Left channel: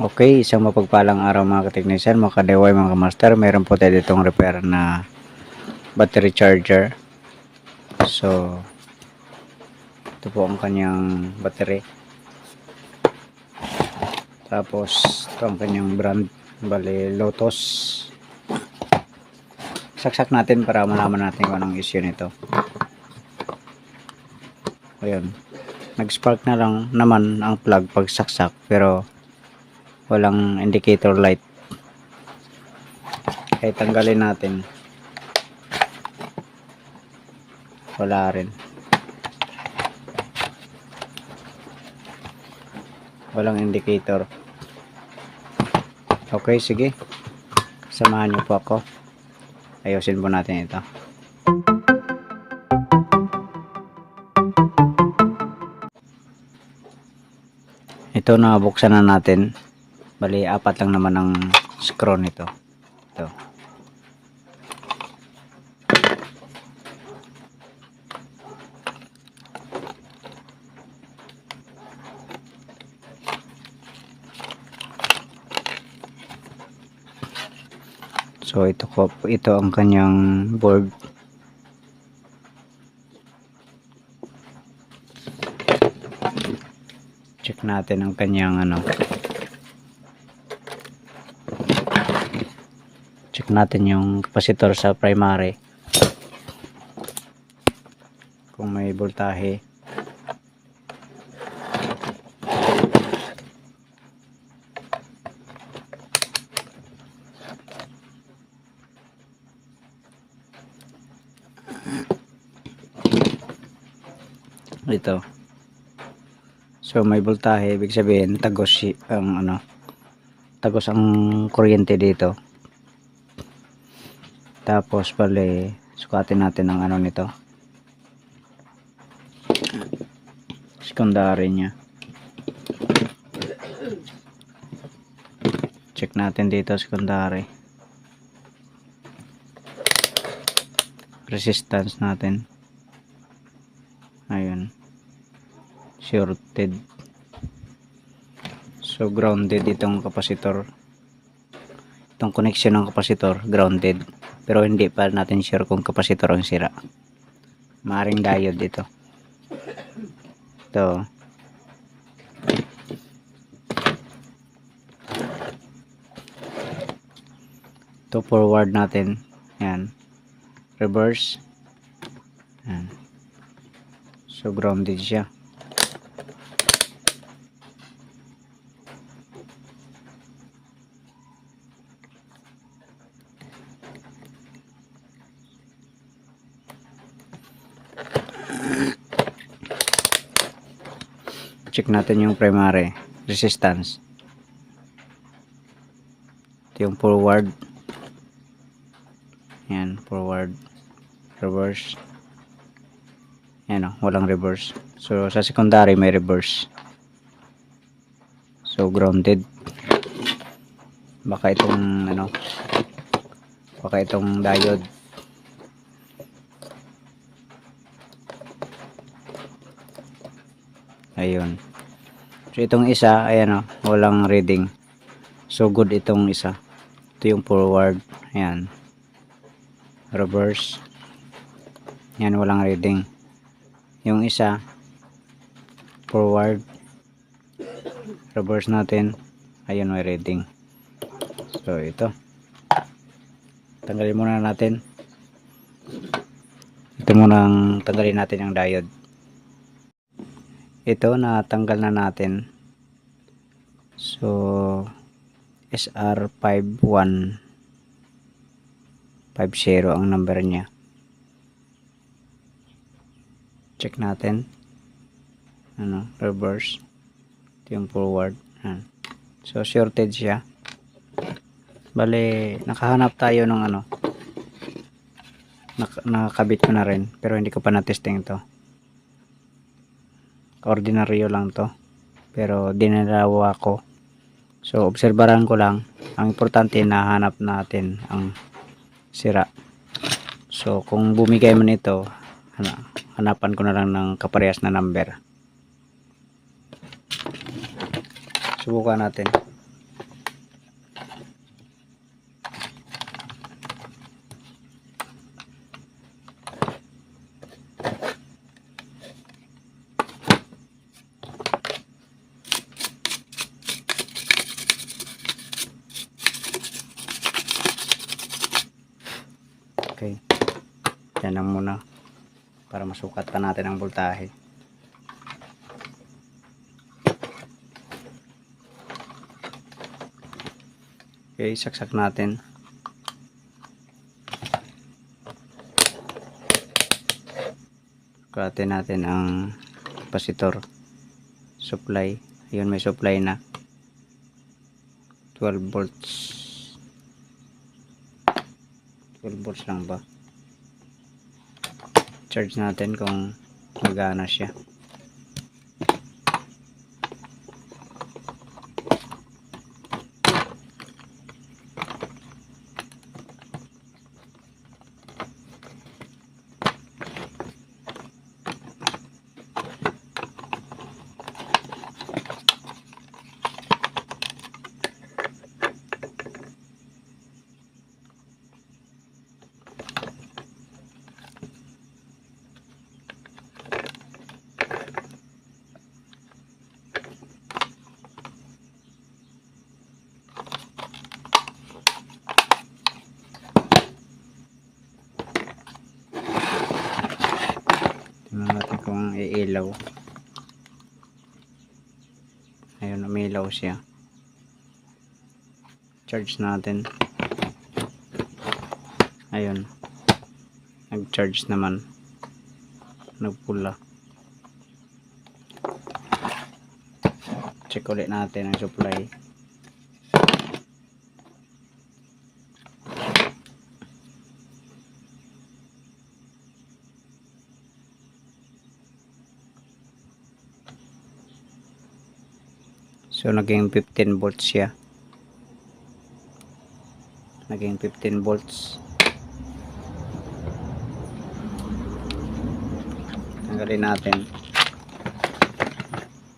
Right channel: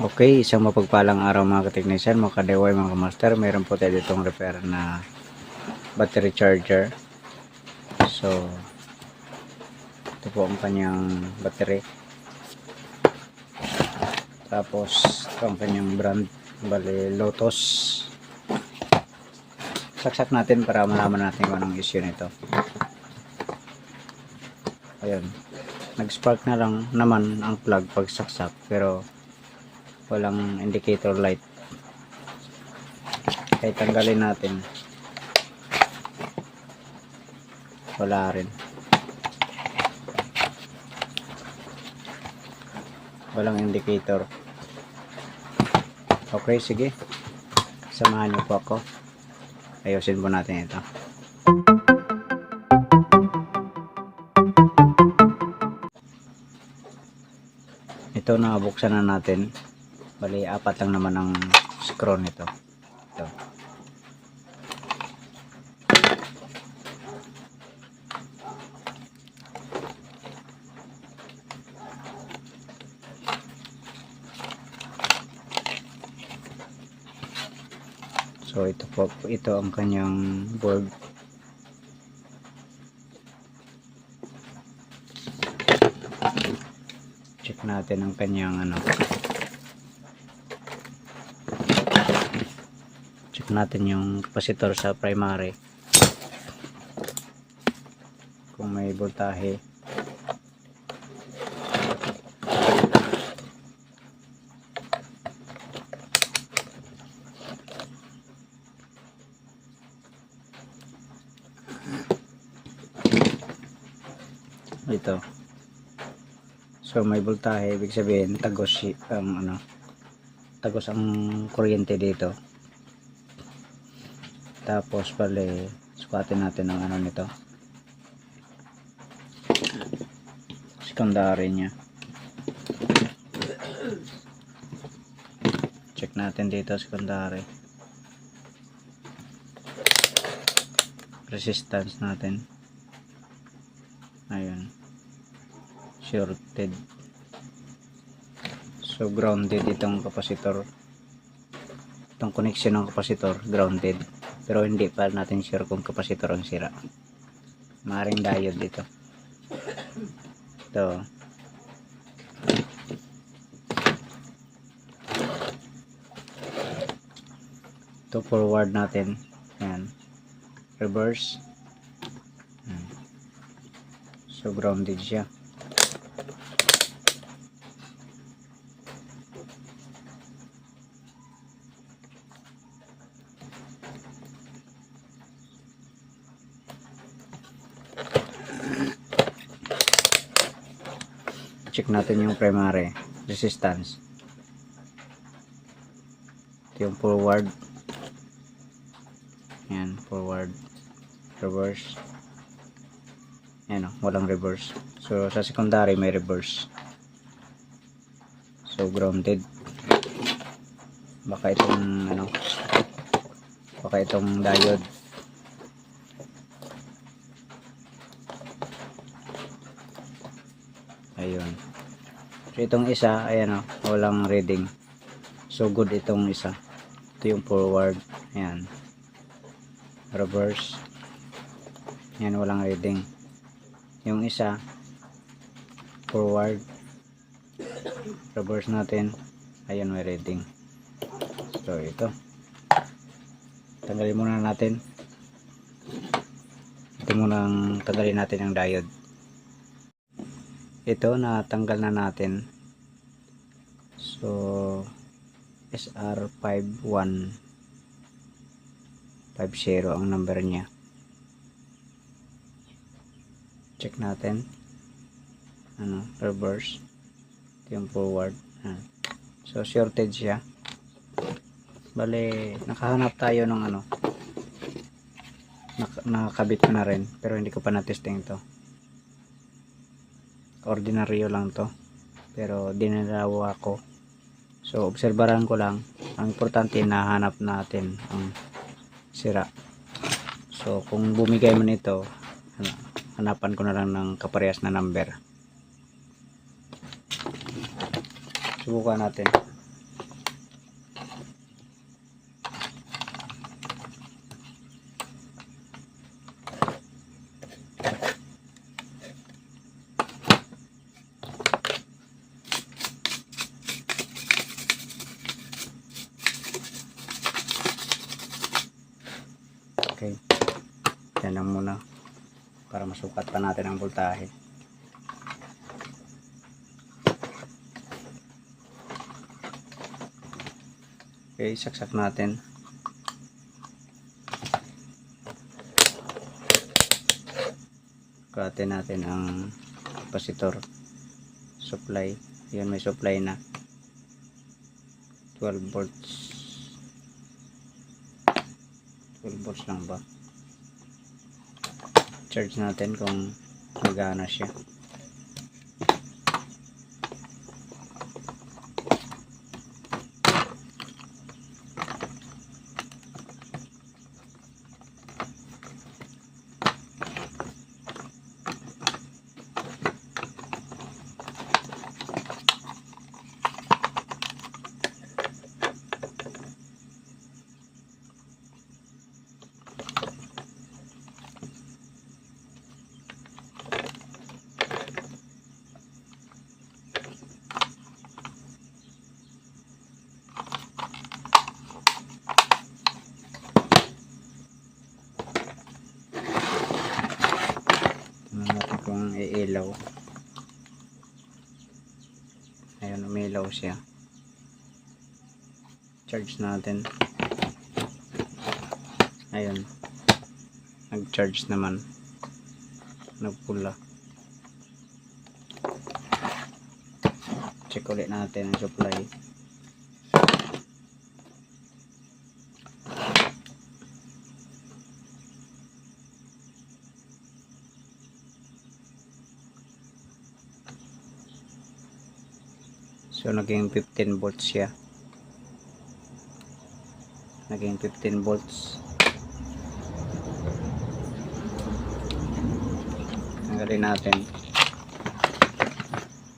Okay, isang mapagpalang araw mga kateknisyan, mga kadeway, mga kamaster. Meron po tayo ditong repair na battery charger. So, ito po ang kanyang battery. Tapos, ito ang kanyang brand. Bali, Lotus. Saksak natin para malaman natin kung anong issue nito. Ayan. Nag-spark na lang naman ang plug pag saksak, pero walang indicator light. Kahit tanggalin natin, wala rin. Walang indicator. Okay, sige. Samahan niyo po ako. Ayusin po natin ito. Ito na buksan na natin. Bali, 4 lang naman ang screw nito. Ito. So ito ang kanyang board. Check natin ang kanyang check natin yung capacitor sa primary. Kung may voltahe. Ito. So may voltahe, ibig sabihin tagos tagos ang kuryente dito. Tapos bali sukatin natin ang nito. Secondary niya. Check natin dito secondary. Resistance natin. Ayun. Shorted. So grounded itong capacitor. Itong connection ng capacitor grounded. Pero hindi pa natin sure kung capacitor ang sira. Maring diode dito. Ito. Ito forward natin. Yan. Reverse. Yan. So grounded siya. Check natin yung primary resistance. Ito yung forward. Yan, forward. Reverse. Yan o, walang reverse. So sa secondary may reverse. So grounded. Baka itong baka itong diode. Ayun. So itong isa, ayan walang reading. So good itong isa. Ito yung forward. Ayan. Reverse. Yan, walang reading. Yung isa, forward. Reverse natin. Ayun, may reading. So ito. Tanggalin muna natin. Ito muna ang tanggalin natin ang diode. Ito natanggal na natin. So SR5150 ang number niya. Check natin. Reverse. Ito yung forward. So shorted siya. Bale, nakahanap tayo ng nakakabit ko na rin, pero hindi ko pa na-testing ito. Ordinaryo lang to, pero dinalawa ko. So obserbaran ko lang. Ang importante, nahanap natin ang sira. So kung bumigay mo nito, hanapan ko na lang ng kaparehas na number. Subukan natin. sukat pa natin ang voltahe. Okay, saksak natin. Sukatin natin ang capacitor supply. Yun, may supply na 12 volts. 12 volts lang ba? Charge natin kung magana siya. Tingnan natin kung iilaw. Ayun, umilaw siya. Charge natin. Ayun, nag-charge naman, nagpula. Check ulit natin ang supply. So naging 15 volts siya. Naging 15 volts. Tanggalin natin.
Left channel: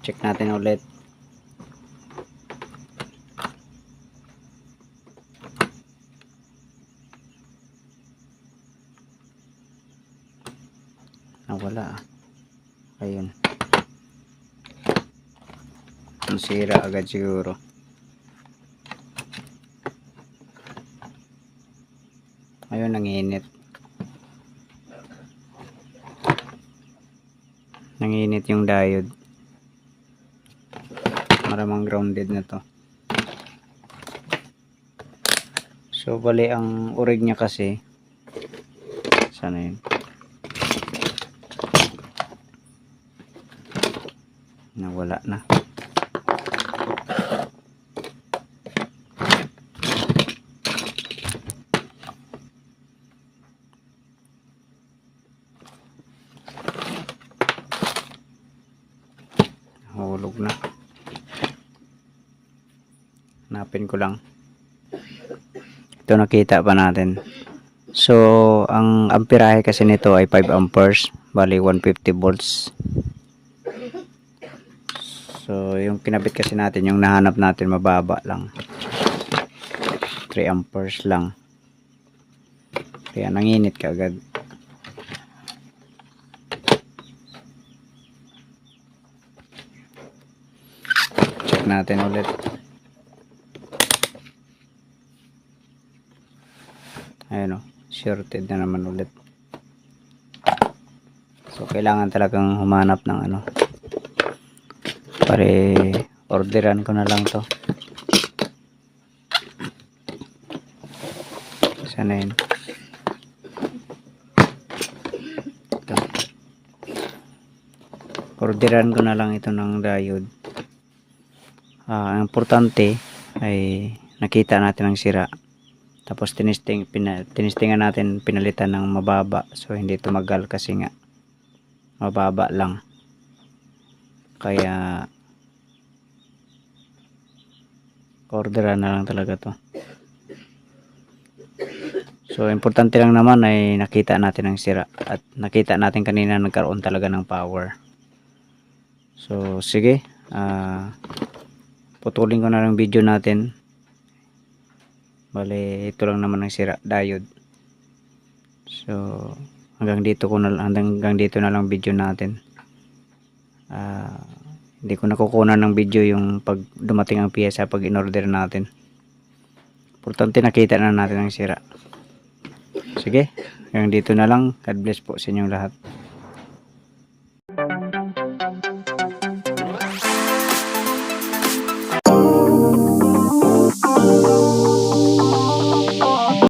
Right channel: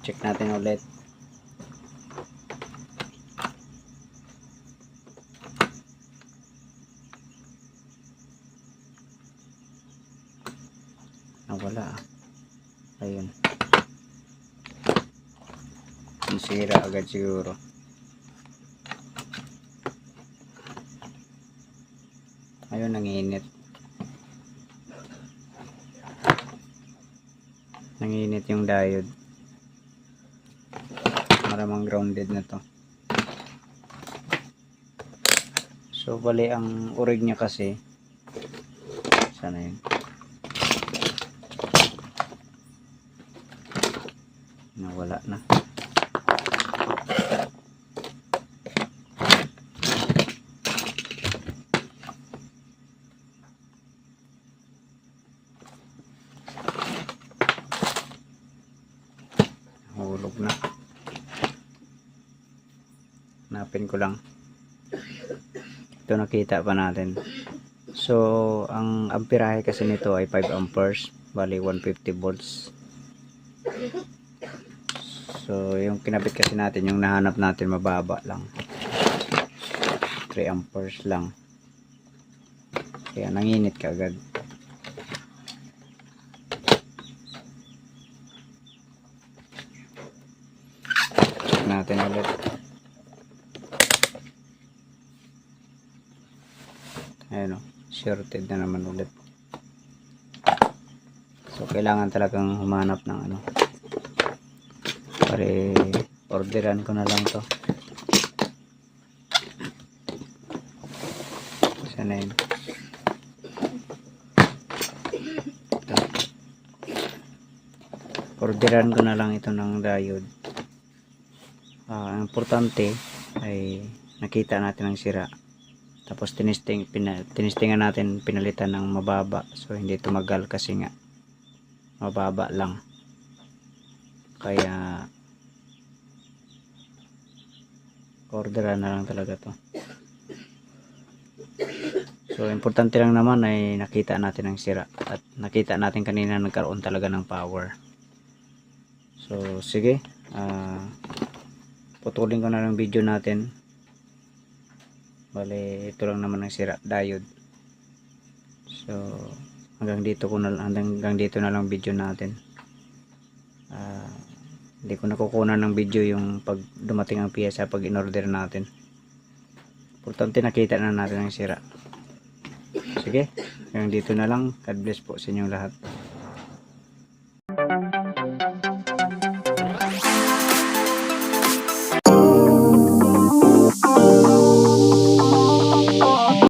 Check natin ulit. Nawala. Ayun. Sira agad siguro. Ayun, nanginit. Nanginit yung diode. Maramang grounded na to. So bali ang urig niya kasi, sana yun, nawala na. Hulog na. Hanapin ko lang. Ito, nakita pa natin. So ang amperahe kasi nito ay 5 amperes, bali 150 volts. So yung kinabit kasi natin, yung nahanap natin, mababa lang, 3 amperes lang, kaya nanginit kaagad. Check natin ulit. Ayan o, shorted na naman ulit. So kailangan talagang humanap ng ano. Pare, orderan ko na lang to. Sana yun. Orderan ko na lang ito ng diode. Ang importante ay nakita natin ang sira. Tapos tinistingan natin, pinalitan ng mababa. So hindi tumagal kasi nga mababa lang. Kaya orderan na lang talaga to. So importante lang naman ay nakita natin ang sira. At nakita natin kanina nagkaroon talaga ng power. So sige, putulin ko na lang video natin. Bale, ito lang naman ang sira, diode. So hanggang dito na lang video natin. Hindi ko nakukunan ng video yung pag dumating ang piyesa pag in-order natin. Importante nakita na natin ang sira. Sige, hanggang dito na lang. God bless po sa inyong lahat.